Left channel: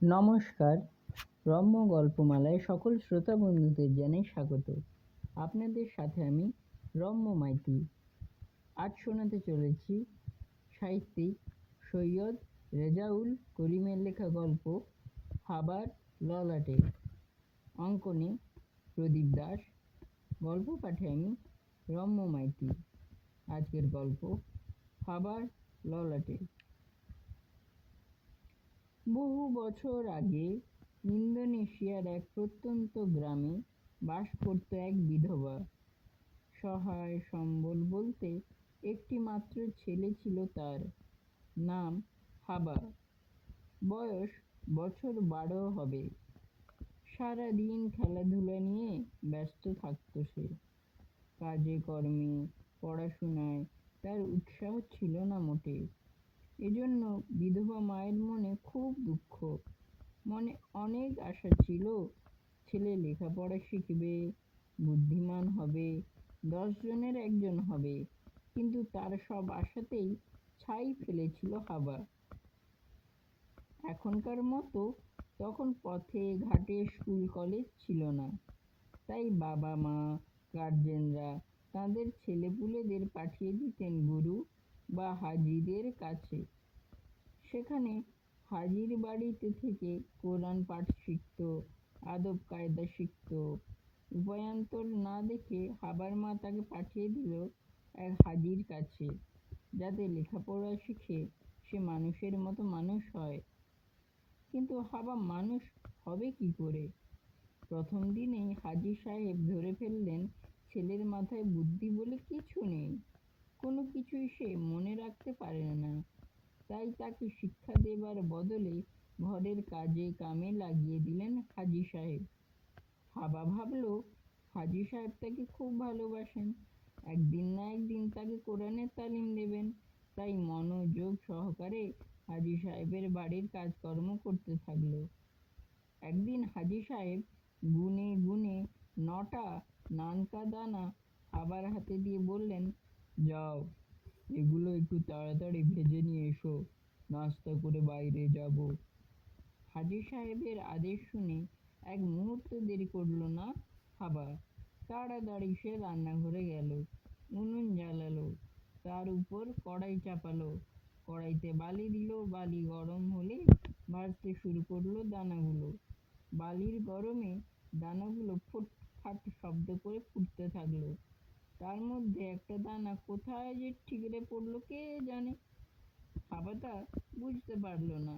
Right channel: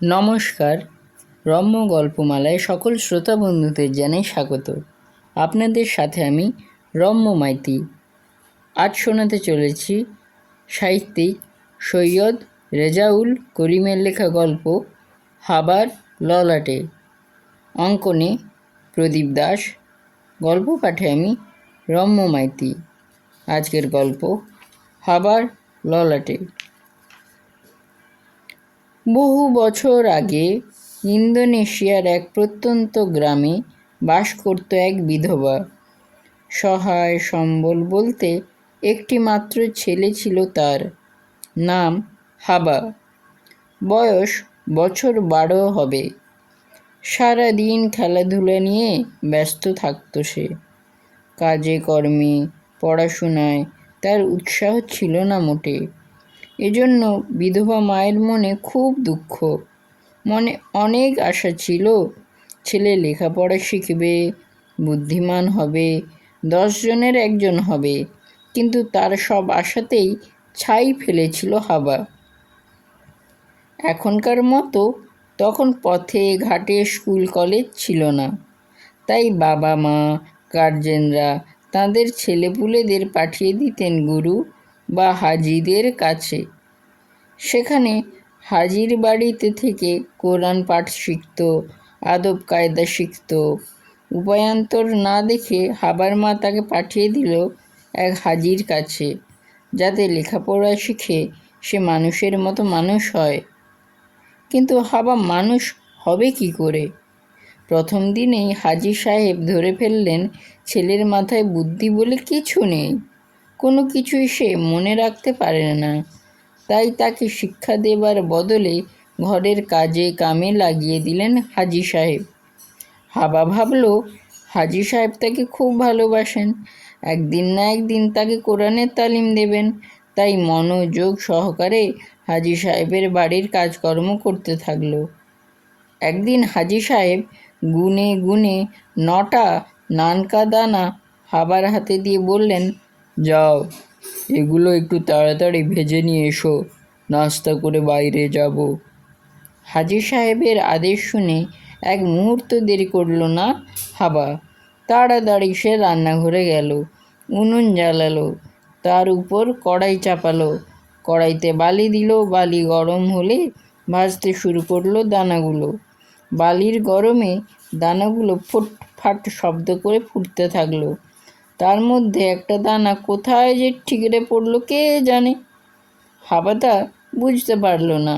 নমস্কার। রম্য গল্পমালায় সকল শ্রোতা বন্ধুদের জানাই স্বাগত। আপনাদের সাথে আমি রম্য মাইতি। আজ শোনাতে চলেছি সাহিত্যিক সৈয়দ রেজাউল করিমের লেখা গল্প হাবার ললাটে। অঙ্কনে প্রদীপ দাস। গল্প পাঠে আমি রম্য মাইতি। আজকের গল্প হাবার ললাটে। বহু বছর আগে ইন্দোনেশিয়ার এক প্রত্যন্ত গ্রামে বাস করত এক বিধবা। সহায় সম্বল বলতে একটি মাত্র ছেলে ছিল তার, নাম হাবা। বয়স বছর 12 হবে। সারাদিন খেলাধুলা নিয়ে ব্যস্ত থাকত সে। কাজে কর্মে পড়াশোনায় তার উৎসাহ ছিল না মোটে। এজন্য বিধবা মায়ের মনে খুব দুঃখ। মনে অনেক আশা ছিল, ছেলে লেখাপড়া শিখবে, বুদ্ধিমান হবে, 10 জনের একজন হবে। কিন্তু তার সব আশাতেই ছাই ফেলেছিল হাবা। এখনকার মতো তখন পথে ঘাটে স্কুল কলেজ ছিল না। তাই বাবা মা গার্জেনরা তাদের ছেলেপুলেদের পাঠিয়ে দিতেন গুরু বা হাজিদের কাছে। সেখানে হাজির বাড়িতে থেকে কোরআন পাঠ শিখত, আদব কায়দা শিখত। উপায়ান্তর না দেখে হাবার মা তাকে পাঠিয়ে দিল এক হাজির কাছে, যাতে লেখাপড়া শিখে সে মানুষের মতো মানুষ হয়। কিন্তু হাবা মানুষ হবে কি করে? প্রথম দিনেই হাজি সাহেব ধরে ফেললেন ছেলের মাথায় বুদ্ধি বলে কিছু নেই, কোনো কিছুই সে মনে রাখতে পারে না। তাই তাকে শিক্ষা দেবার বদলে ঘরের কাজে কামে লাগিয়ে দিলেন হাজি সাহেব। হাবা ভাবল হাজি সাহেব তাকে খুব ভালোবাসেন, একদিন না একদিন তাকে কোরআনের তালিম দেবেন। তাই মনোযোগ সহকারে হাজি সাহেবের বাড়ির কাজকর্ম করতে থাকলো। একদিন হাজি সাহেব গুনে গুনে 9টা নানকা দানা হাবার হাতে দিয়ে বললেন, যাও, এগুলো একটু তাড়াতাড়ি ভেজে নিয়ে এসো, নাস্তা করে বাইরে যাব। হাজি সাহেবের আদেশ শুনে এক মুহূর্ত দেরি করল না হাবা। তাড়াতাড়ি সে রান্নাঘরে গেল, উনুন জ্বালালো, তার উপর কড়াই চাপালো, কড়াইতে বালি দিল। বালি গরম হলে ভাজতে শুরু করলো দানাগুলো। বালির গরমে দানাগুলো ফুটফাট শব্দ করে ফুটতে থাকলো। তার মধ্যে একটা দানা কোথায় যে ঠিকরে পড়ল কে জানে। হাবা তা বুঝতে পারল না।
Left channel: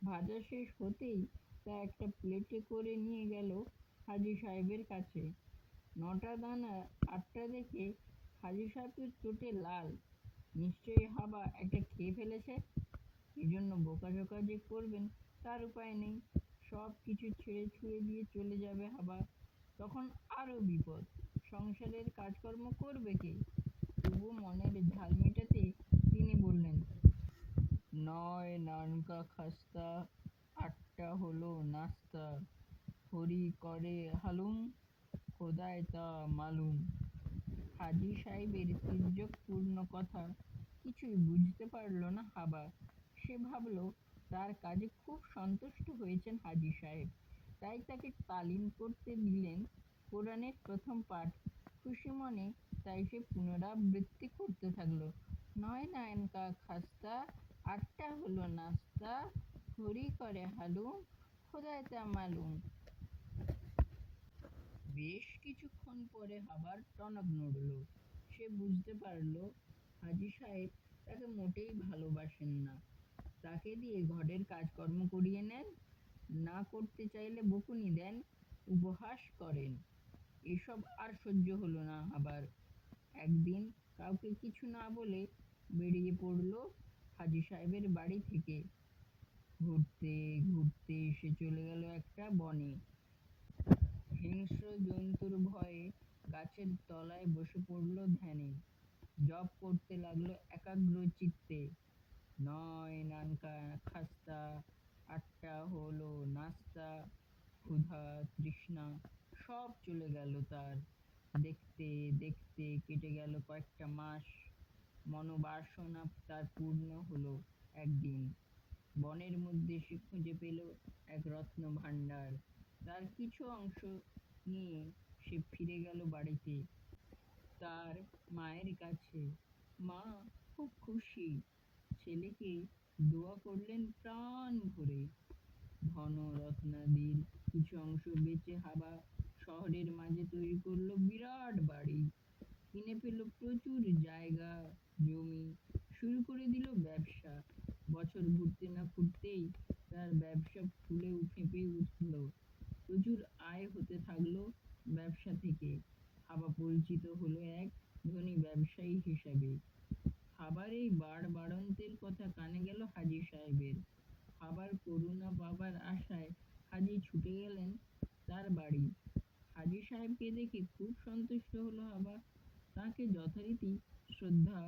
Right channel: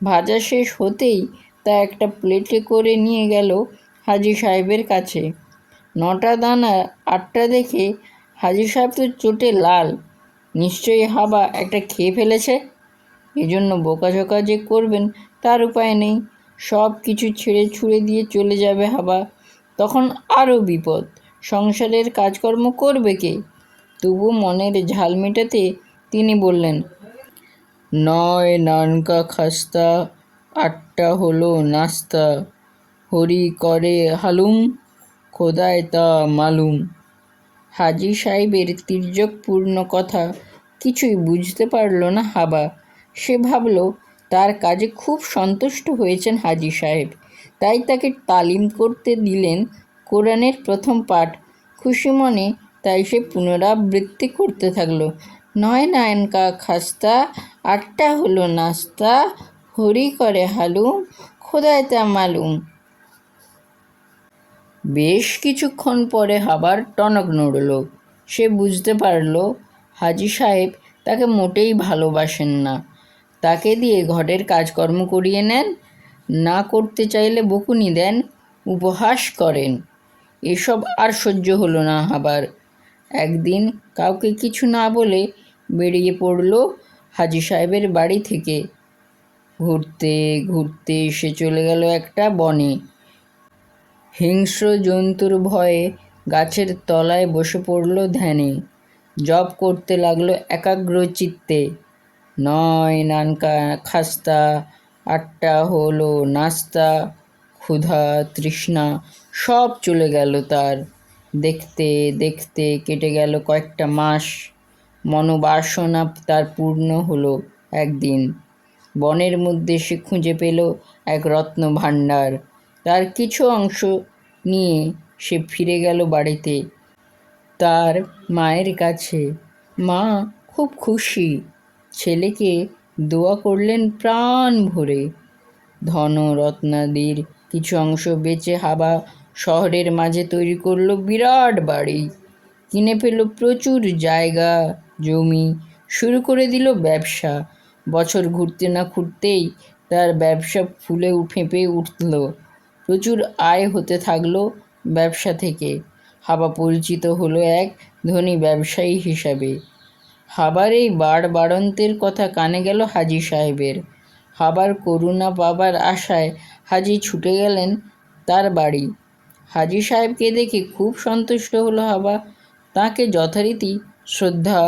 ভাজা শেষ হতেই তা একটা প্লেটে করে নিয়ে গেল হাজি সাহেবের কাছে। 9টা দানা 8টা দেখে হাজি সাহেব তো চোটে লাল। নিশ্চয়ই হাবা একটা খেয়ে ফেলেছে। এজন্য বোকাঝোকা যে করবেন তার উপায় নেই। সব কিছু ছেড়ে ছুড়ে দিয়ে চলে যাবে হাবা। তখন আরও বিপদ, সংসারের কাজকর্ম করবে কে? তবু মনের ঝাল মেটাতে তিনি বললেন, 9 নানকা খাস্তা, 8টা হলো নাস্তা, হরি করে হালুম, খোদায় তা মালুম। হাজি সাহেবের তির্যকপূর্ণ কথা কিছুই বুঝতে পারল না হাবা। সে ভাবল তার কাজে খুব সন্তুষ্ট হয়েছেন হাজি সাহেব, তাই তাকে তালিম করতে দিলেন কোরআনের প্রথম পাঠ। খুশি মনে তাই সে পুনরাবৃত্তি করতে থাকলো, 9 নানকা খাস্তা, 8টা হলো নাস্তা, হরি করে হালুম, খোদায় তা মালুম। বেশ কিছুক্ষণ পরে হাবার টনক নড়ল। সে বুঝতে পারল হাজি সাহেব তাকে মোটেই ভালোবাসেন না। তাকে দিয়ে ঘরের কাজকর্ম করিয়ে নেন, না করতে চাইলে বকুনি দেন, উপহাস করেন। এসব আর সহ্য হলো না হাবার। একদিন কাউকে কিছু না বলে বেরিয়ে পড়ল হাজি সাহেবের বাড়ি থেকে। ঘুরতে ঘুরতে সে চলে গেল একটা বনে। হিংস্র জন্তুর ভয়ে গাছের তলায় বসে পড়ল ধ্যানে। জপ করতে লাগলো একাগ্র চিত্তে, 9 নানকা খাস্তা, 8টা হলো নাস্তা, ক্ষুধা তৃষ্ণা সব চলে গেল তার। দেখতে দেখতে কেটে গেল কয়েকটা মাস। মনোবাসনা তার পূর্ণ হলো একদিন। বনের মধ্যে সে খুঁজে পেল এক রত্ন ভাণ্ডার। তার কিছু অংশ নিয়ে সে ফিরে গেল বাড়িতে, তার মায়ের কাছে। মা খুব খুশি, ছেলেকে দোয়া করলেন প্রাণ ভরে। ধন রত্নাদির কিছু অংশ বেচে হাবা শহরের মাঝে তৈরি করলো বিরাট বাড়ি, কিনে পেল প্রচুর জায়গা জমি, শুরু করে দিল ব্যবসা। বছর ঘুরতে না ঘুরতেই তার ব্যবসা ফুলে ফেঁপে উঠল, প্রচুর আয় হতে থাকলো ব্যবসা থেকে। হাবা পরিচিত হলো এক ধনী ব্যবসায়ী হিসাবে। হাবার এই বাড়বাড়ন্তের কথা কানে গেল হাজি সাহেবের। হাবার করুণা পাবার আশায় হাজি ছুটে গেলেন তার বাড়ি। হাজি সাহেবকে দেখে খুব সন্তুষ্ট হলো হাবা, তাকে যথারীতি শ্রদ্ধা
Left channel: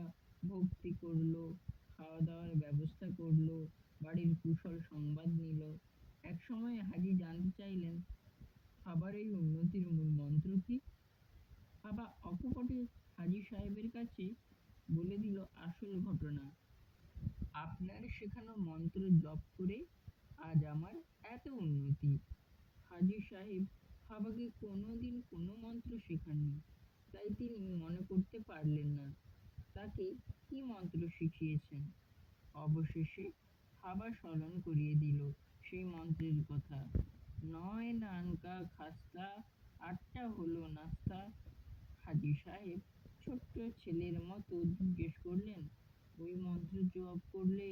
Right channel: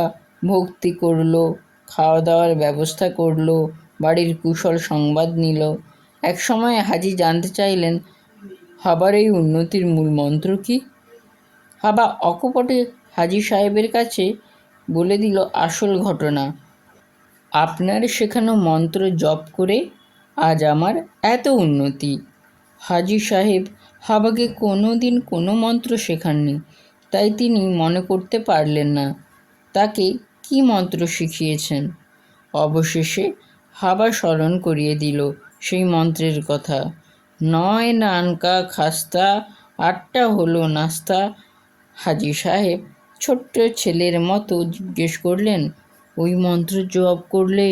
ভক্তি করলো, খাওয়া দাওয়ার ব্যবস্থা করলো, বাড়ির কুশল সংবাদ নিল। এক সময় হাজি জানতে চাইলেন হাবার এই উন্নতির মূল মন্ত্র কী। হাবা অকপটে হাজি সাহেবের কাছে বলে দিল আসল ঘটনা। আপনার শেখানো মন্ত্র জপ করে আজ আমার এত উন্নতি। হাজি সাহেব হাবাকে কোনো দিন কোনো মন্ত্র শেখাননি, তাই তিনি মনে করতে পারলেন না তাকে কি মন্ত্র শিখিয়েছেন। অবশেষে হাবা স্মরণ করিয়ে দিল সেই মন্ত্রের কথা। 9 নানকা খাস্তা, 8টা হলো নাস্তা। হাজি সাহেব ছোট্ট ছেলের মতো জিজ্ঞেস করলেন, ওই মন্ত্র জপ করলে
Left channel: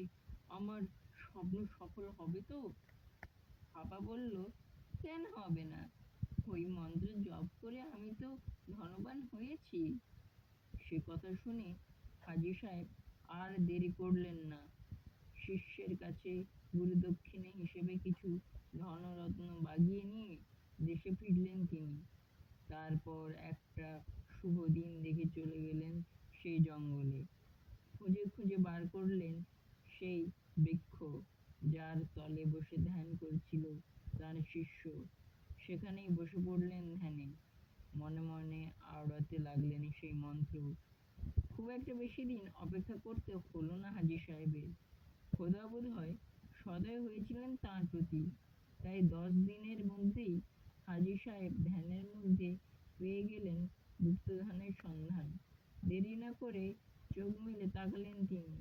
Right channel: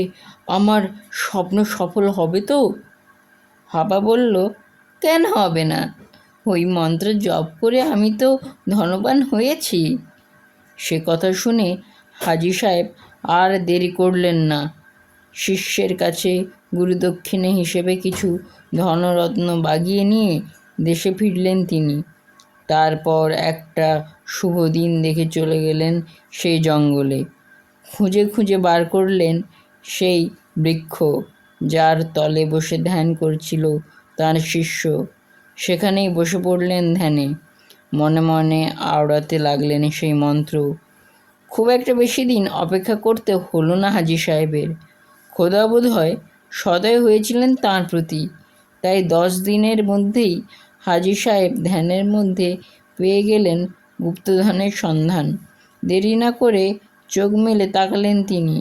আমার স্বপ্ন সফল হবে তো? হাবা বলল, কেন হবে না? ওই মন্ত্র জপ করে আমি তো ধনবান হয়েছি। সে কথা শুনে হাজি সাহেব আর দেরি করলেন না। শিষ্যের কাছে গুরুদক্ষিণে হিসেবে কিছু ধনরত্ন বাগিয়ে নিয়ে দেশে ফিরলেন তিনি। তারপর একটা শুভ দিন দেখে চলে গেলেন সেই জঙ্গলে। খুঁজে খুঁজে বার করলেন সেই বৃক্ষ যার তলে বসে ধ্যান করছিল তার শিষ্য। সেখানেই বসে পড়লেন ধ্যানে, মনে মনে আওড়াতে লাগলেন সেই মন্ত্র। খুব একটা বেশি দিন অপেক্ষা করতে হলো না হাজি সাহেবের। খোদা বোধ হয় সদয় হয়েছিলেন তাঁর প্রতি, তাই 10 দিনের মধ্যেই হাজি সাহেব ধ্যানের মধ্যে পেয়ে গেলেন গুপ্তধনের সন্ধান। দেরি না করে চোখ মেলে তাকালেন তিনি।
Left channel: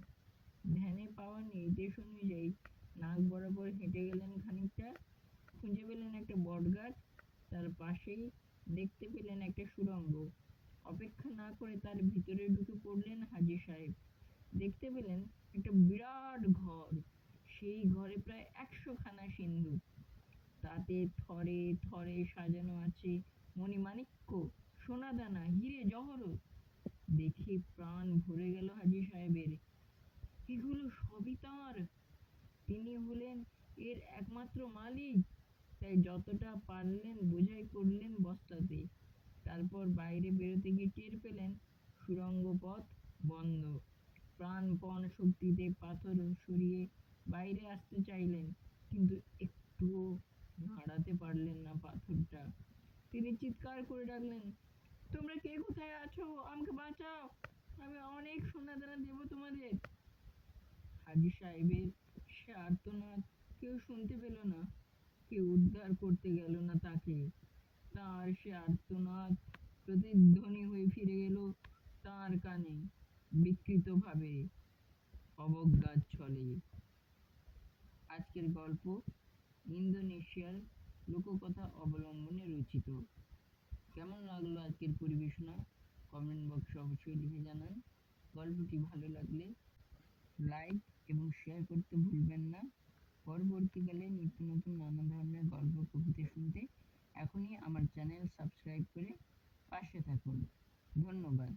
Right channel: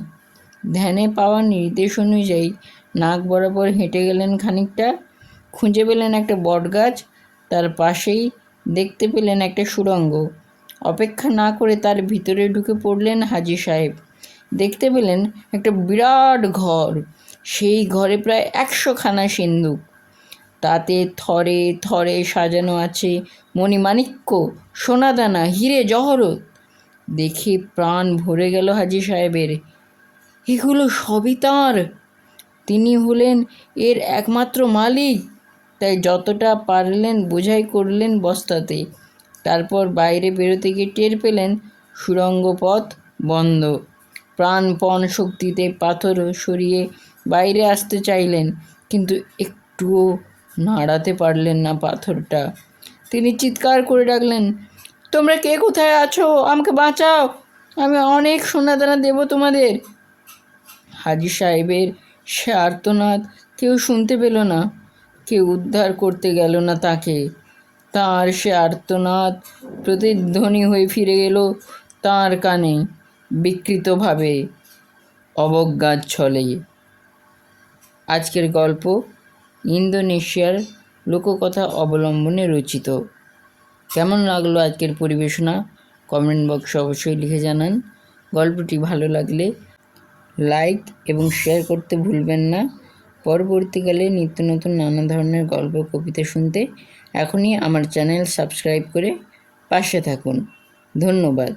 ধ্যানে পাওয়া নির্দেশ অনুযায়ী নাক বরাবর হেঁটে গেলেন খানিকটা, খুঁজে পেলেন একটা বটগাছ, তার পাশেই দেখতে পেলেন একটা সুড়ঙ্গ। অপেক্ষা না করে তার ভিতরে ঢুকে পড়লেন হাজি সাহেব। দেখতে পেলেন একটা বিরাট ঘর, সেই ঘরে প্রায় 100খানা সিন্দুক, তাতে থরে থরে সাজানো আছে মণিমাণিক্য, সোনাদানা, হিরে জহরত। দেখে প্রাণ ভরে গেল হাজি সাহেবের। এগুলো সবই তাঁর, তিনি হলেন এর একমাত্র মালিক। তাই যতটা পারলেন বোঝাই করলেন বস্তাতে। তারপর বাইরে বেরোতে গিয়ে টের পেলেন সুড়ঙ্গ পথ বন্ধ। প্রাণপণ শক্তিতে পাথর সরিয়ে বাইরে আসতে চাইলেন, কিন্তু একটুও নাড়াতে পারলেন না পাথরটা। তিনি চিৎকার করে ডাকলেন, তোমরা কে কোথায় আছো? আমাকে বাঁচাও, আমি অনেক সোনাদানা দেব তোমাদের। হাজি সাহেবের সে আর্তনাদ কেউ শুনতে পেল না, কেউ উদ্ধার করতে গেল না তাকে। তাঁর সে আর্তনাদ প্রতিধ্বনি হয়ে ফিরে গেল তাঁর কানে, বিকৃতভাবে, অবজ্ঞার ছলে। আজকের গল্প ইন্দোনেশিয়ার লোককথা অবলম্বনে রচিত। কেমন লাগলো আজকের পরিবেশনা কমেন্ট বক্সে অবশ্যই লিখে জানান। গল্পটি ভালো লাগলে লাইক এবং শেয়ার করতে ভুলবেন না। পরবর্তীকালে নিত্য নতুন নানা ধরনের গল্প কবিতা শুনতে এখনই আমার চ্যানেল সাবস্ক্রাইব করে পাশে থাকুন। ধন্যবাদ।